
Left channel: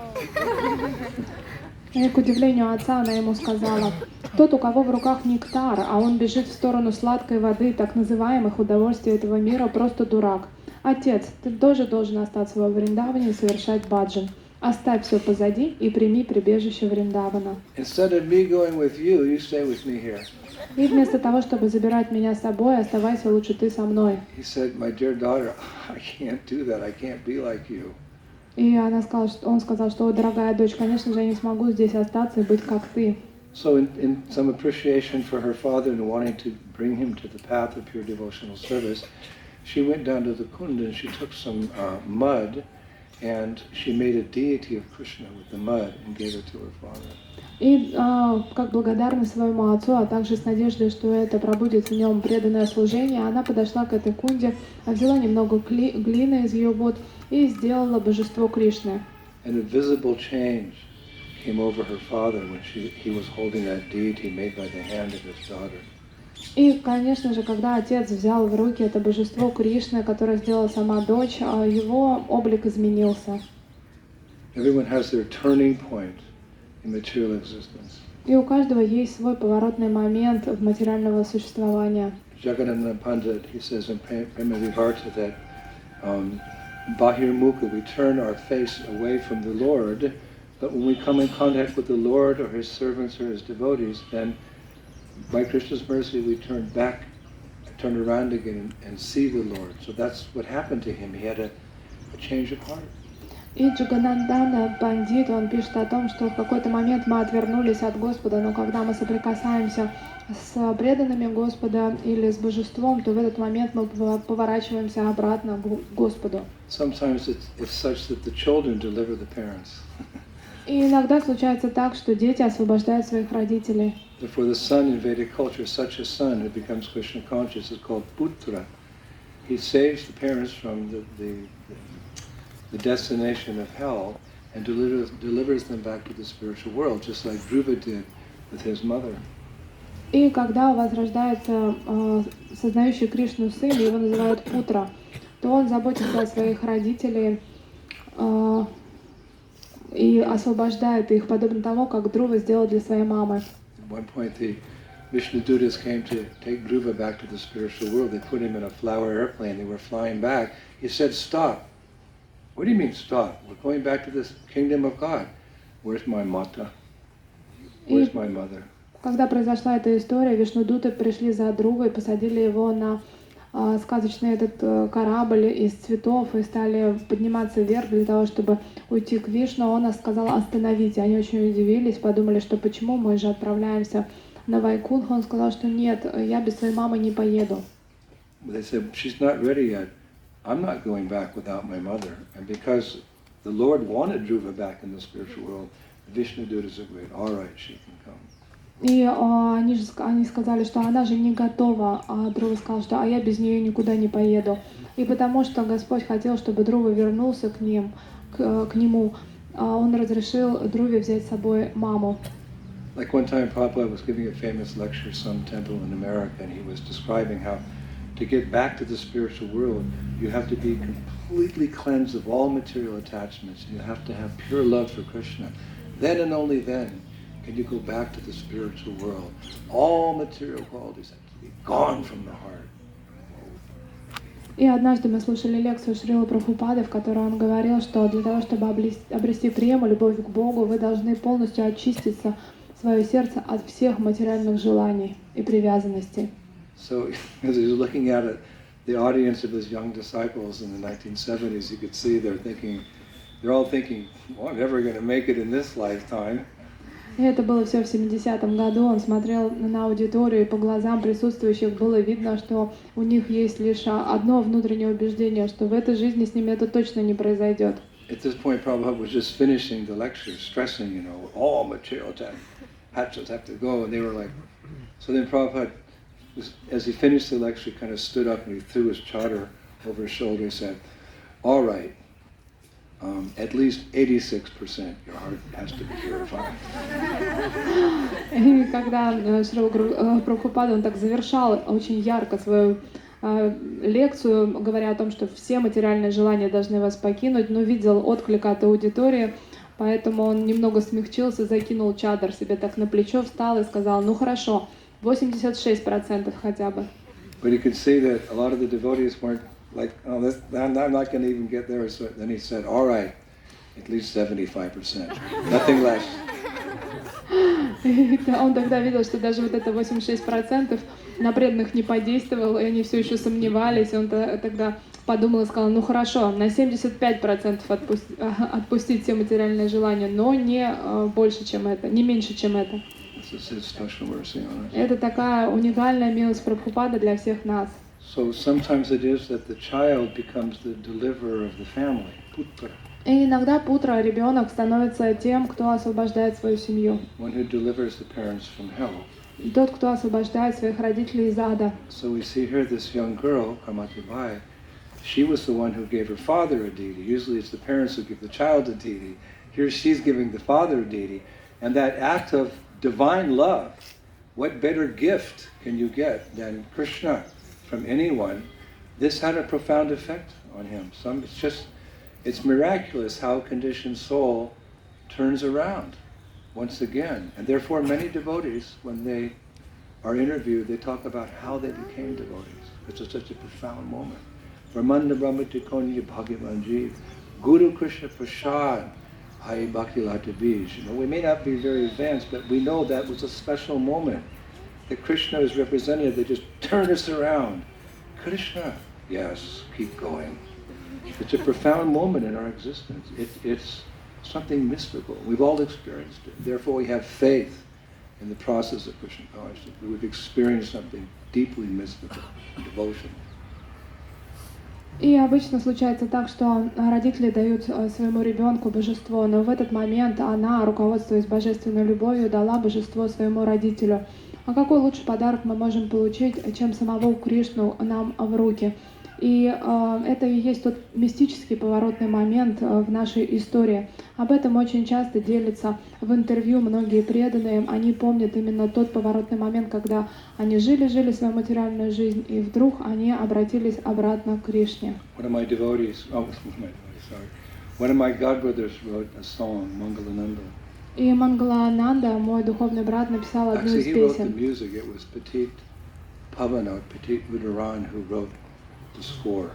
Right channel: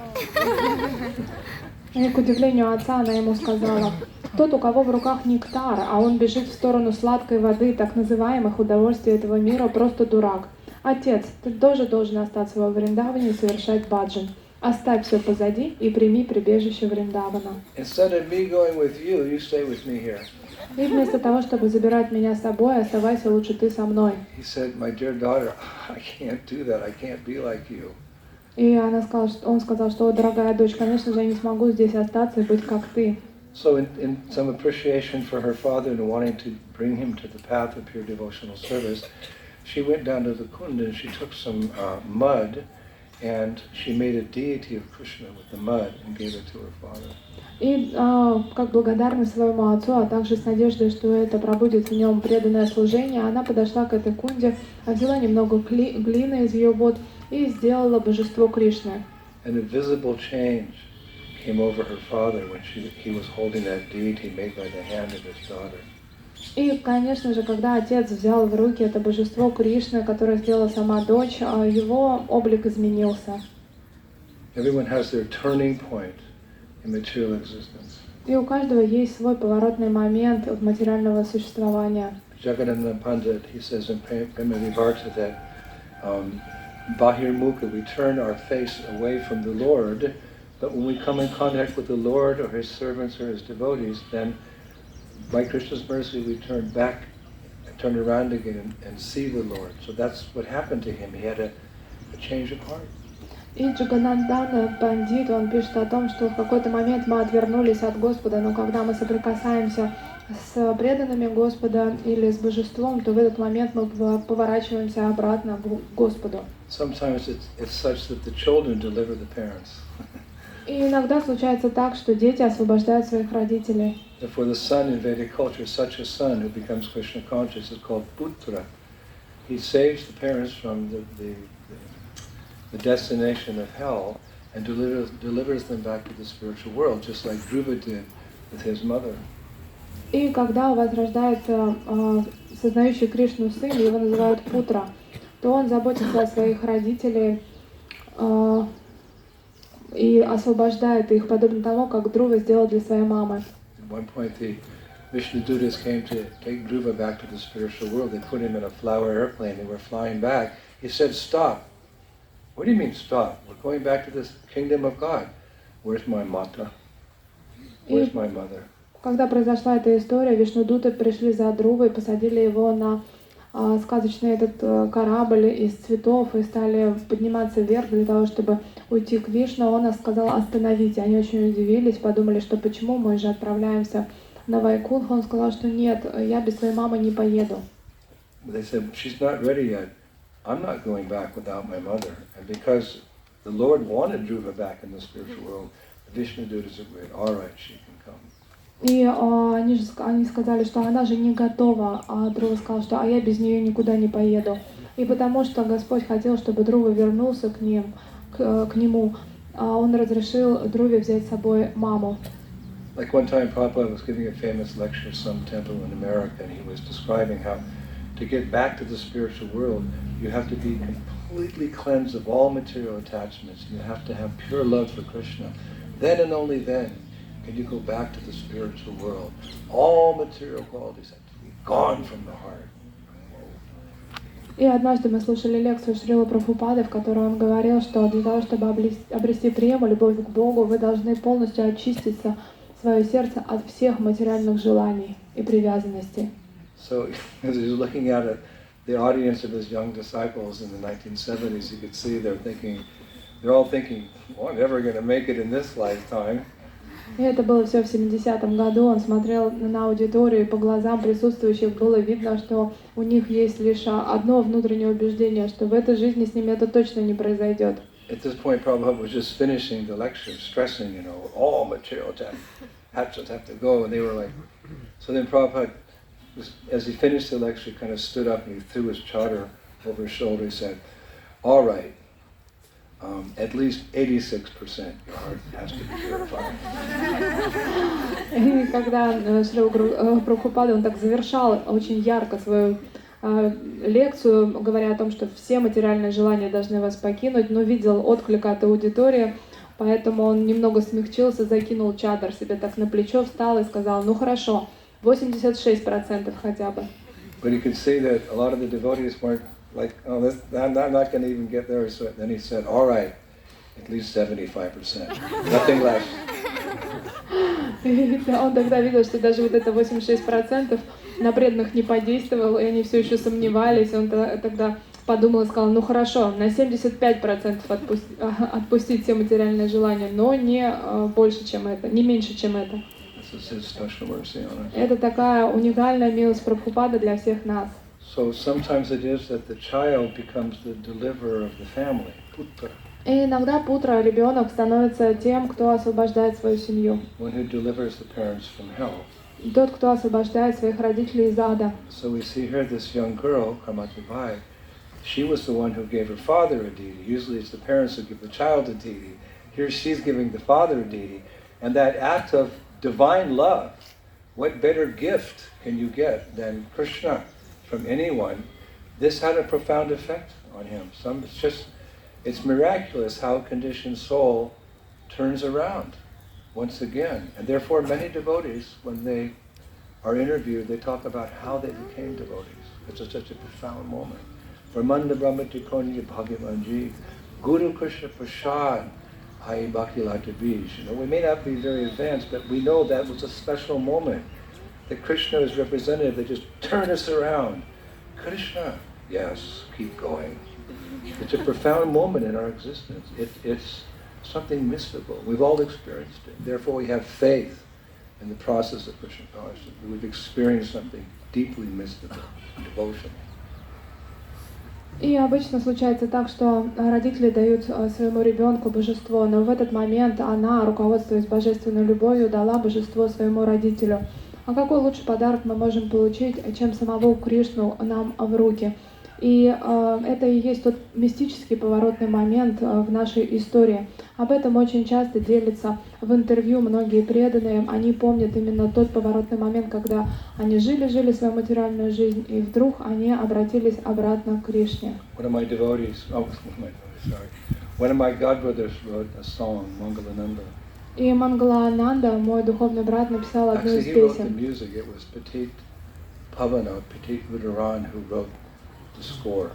И к удивлению отца она ему сказала, тот, у кого в руках нектар, а он бежит в сторону сладкой воды, так называемых удовольствий этого мира, просто дурак. Отец, ты тоже должен остаться во Вриндаване и совершать баджан. Оставь все позади и прими прибежище Вриндавана. Instead of me going with you, you stay with me here. И вместо того, чтобы забирать меня с собой, оставайся лучше ты со мной. He said, my dear daughter, I can't do that. I can't be like you. И он сказал, что, дорогая дочь, конечно же, я не смогу здесь остаться и быть как ты. So in some appreciation for her father and wanting to bring him to the path of pure devotional service, she went down to the kund and she took some mud and she made a deity of Krishna with the mud and gave it to her father. И как благодарность своему отцу, а также с надеждой, что это пробудет в нем преданное служение, она подошла к этой кунде, взяла немного глины из ее вод и сделала божество Кришны. And a visible change came over her father when he was holding that deity made by the hand of his daughter. И, конечно же, когда отец взял в руки это божество Кришны, которое сделала сама дочь, его облик изменился. Everyone has their turning point in material existence. И у каждого есть свой поворотный момент в материального существования. Jagannatha Pandit, he says in Prema Vivarta that Bahir Mukha, we turn our face away from the Lord, but when we come in contact with the Lord or His servants or His devotees, then by Krishna's mercy we turn back, turn around again and see the Lord. So that's what happened to him. He had a change of heart. И Джаганандана Пандит, он пишет о том, что в какой-то момент мы отвернулись от Господа, но когда мы соприкасаемся с преданными Господа или с Божеством, то в этот момент мы поворачиваемся обратно к Господу. Sometimes it's such that the children deliver the parents. И иногда случается так, что дети освобождают своих родителей. For the son in Vedic culture, such a son who becomes Krishna conscious is called putra. He saves the parents from the destination of hell and delivers them back to the spiritual world, just like Dhruva did with his mother. И когда возрождается сознающий Кришну сын, его называют Путра, то он заботится о своих родителях и освобождает их, подобно тому, как Друва сделал для своей мамы. At one point, the Vishnudutas came to take Dhruva back to the spiritual world. They put him in a flower airplane. They were flying back. He said, "Stop." What do you mean, stop? We're going back to this kingdom of God. Where's my mata? Where's my mother? Когда произошла эта история, Вишнудуты пришли за Друвой и посадили его на сказочный этот корабль из цветов и стали подниматься вверх для того, чтобы уйти к Вишну. Он сказал: остановите. Они очень удивились, подумали, что почему мы же отправляемся на Вайкунтху. Он сказал, что нет, я без своей мамы не поеду. They said, she's not ready yet. I'm not going back without my mother. And because the Lord wanted Dhruva back in the spiritual world, the Vishnudutas agreed, all right, she can come. И они сказали, что она же не готова, а Друва сказал, что я без нее никуда не поеду. И потому что Господь хотел, чтобы Друва вернулся к нему, он разрешил Друве взять с собой маму. Like one time Prabhupada was giving a famous lecture at some temple in America, and he was describing how to get back to the spiritual world, you have to be completely cleansed of all material attachments. You have to have pure love for Krishna. Then and only then can you go back to the spiritual world. All material qualities have to be gone from the heart. И однажды мы слушали лекцию Шрилы Прабхупады, в которой он говорил, что для того, чтобы обрести прему, любовь к Богу, вы должны полностью очиститься свое сердце от всех материальных желаний и привязанностей. So, as he was looking at it, the audience of his young disciples in the 1970s, you could see they're all thinking, well, I'm never going to make it in this lifetime. И это было все в 70-м году. Он смотрел на аудиторию, и по глазам присутствующих было видно, что у них есть лишь одно внутреннее убеждение, что в этой жизни с ними это точно не произойдет. At this point, Prabhupada was just finishing the lecture, stressing, all material attachments have to go, and they were like, so then Prabhupada, as he finished the lecture, he kind of stood up and he threw his chadar over his shoulder. He said, all right, at least 86% your heart has to be purified. И когда Шрила Прабхупада, он так завершал очень ярко свою лекцию, говоря о том, что все материальные желания должны вас покинуть, но видел отклик от аудитории, поэтому он немного смягчился, закинул чадр себе так на плечо, встал и сказал, ну хорошо, 86% хотя бы. But he could see that a lot of the devotees weren't like, oh, I'm not going to even get there. So then he said, all right, at least 75%, nothing less. Он тогда видел, что даже вот это 86% на преданных не подействовало, и они все еще сомневались. Он тогда подумал и сказал, ну хорошо, на 75% отпустить все материальные желания, но не больше, чем это, не меньше, чем это. Это такая уникальная милость Прабхупады для всех нас. So sometimes it is that the child becomes the deliverer of the family, putra. И иногда путра, ребенок, становится тем, кто освобождает свою семью. One who delivers the parents from hell. Тот, кто освобождает своих родителей из ада. So we see here this young girl, Kamatibai, she was the one who gave her father a deity. Usually it's the parents who give the child a deity. Here she's giving the father a deity. And that act of divine love, what better gift can you get than Krishna from anyone? This had a profound effect on him. it's miraculous how a conditioned soul turns around once again. And therefore many devotees, when they are interviewed, they talk about how they became devotees. It's such a profound moment. Brahmanda Brahmati Konya Bhagavanji, Guru Krishna Prasad, Hai Bhaktilata Bij. You know, we may not be very advanced, but we know that was a special moment. That Krishna is represented, they just turn us around. Krishna, yes, keep going. It's a profound moment in our existence. It's something mystical. We've all experienced it. Therefore we have faith in the process of Krishna consciousness. We've experienced something deeply mystical, devotion. И обычно случается так, что родители дают своему ребенку божество, но в этот момент она, руководствуясь божественной любовью, дала божество своему родителю. А какой лучший подарок мы можем получить, чем самого Кришну нам в руки? И это и есть тот мистический поворотный момент в нашей истории. Об этом очень часто делятся в интервью многие преданные. Они помнят именно тот поворотный момент, когда они жили свою материальную жизнь, и вдруг они обратились обратно к Кришне. One of my godbrothers wrote a song, Mangalananda. И Мангалананда, мой духовный брат, написал одну Actually, из he wrote the песен. music. It was Petit Pavana, Petit Udaran, who wrote the score.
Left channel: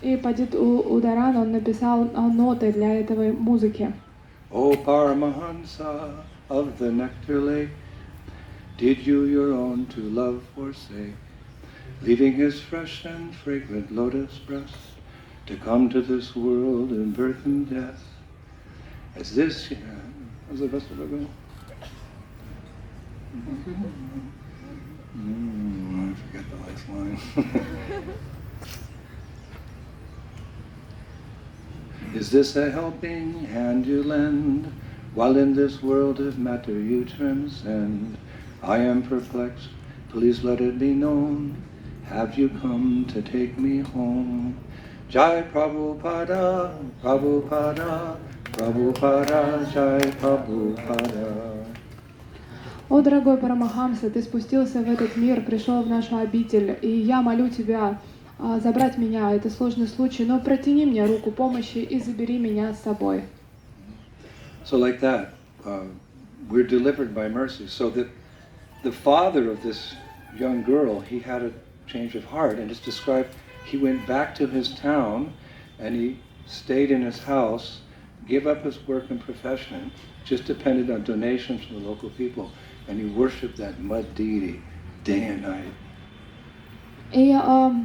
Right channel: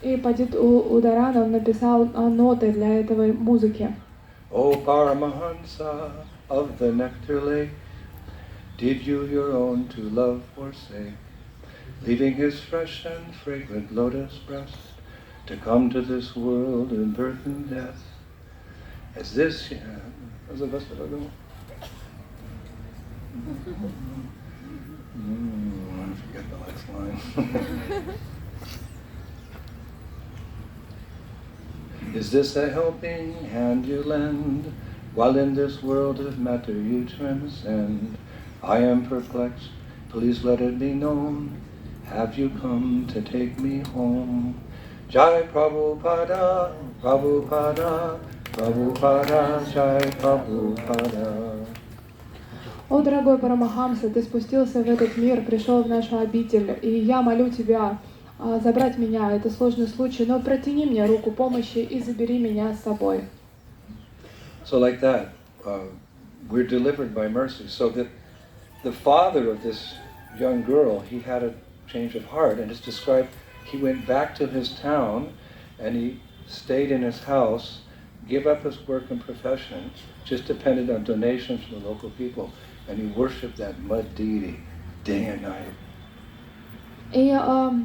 И Падит Ударан, он написал ноты для этой музыки. O Paramahansa of the nectar lake, did you your own to love forsake, leaving his fresh and fragrant lotus breast, to come to this world in birth and death? Is this, I forget the next line. Is this a helping hand you lend, while in this world of matter you transcend? I am perplexed, please let it be known, have you come to take me home? Jai Prabhupada, Prabhupada, Prabhupada, Jai Prabhupada. О, дорогой Парамахамса, ты спустился в этот мир, пришел в нашу обитель, и я молю тебя забрать меня, это сложный случай, но протяни мне руку помощи и забери меня с собой. So like that, we're delivered by mercy. So that the father of this young girl, he had a change of heart, and it's described, he went back to his town, and he stayed in his house, gave up his work and profession, just depended on donations from the local people, and he worshipped that mud deity day and night. И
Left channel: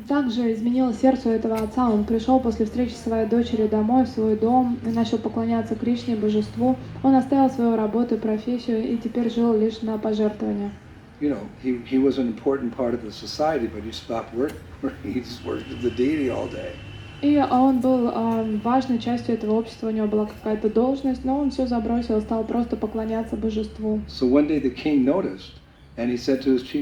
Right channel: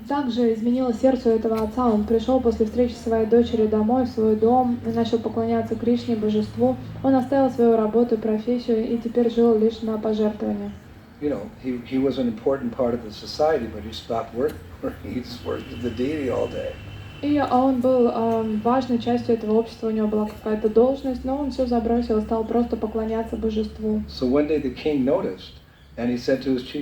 также изменилось сердце этого отца. Он пришел после встречи своей дочери домой, в свой дом, и начал поклоняться Кришне, божеству. Он оставил свою работу и профессию, и теперь жил лишь на пожертвования. You know, he was an important part of the society, but he stopped working. He just worshipped the deity all day. И он был важной частью этого общества, у него была какая-то должность, но он все забросил, стал просто поклоняться божеству. So one day the king noticed, and he said to his chief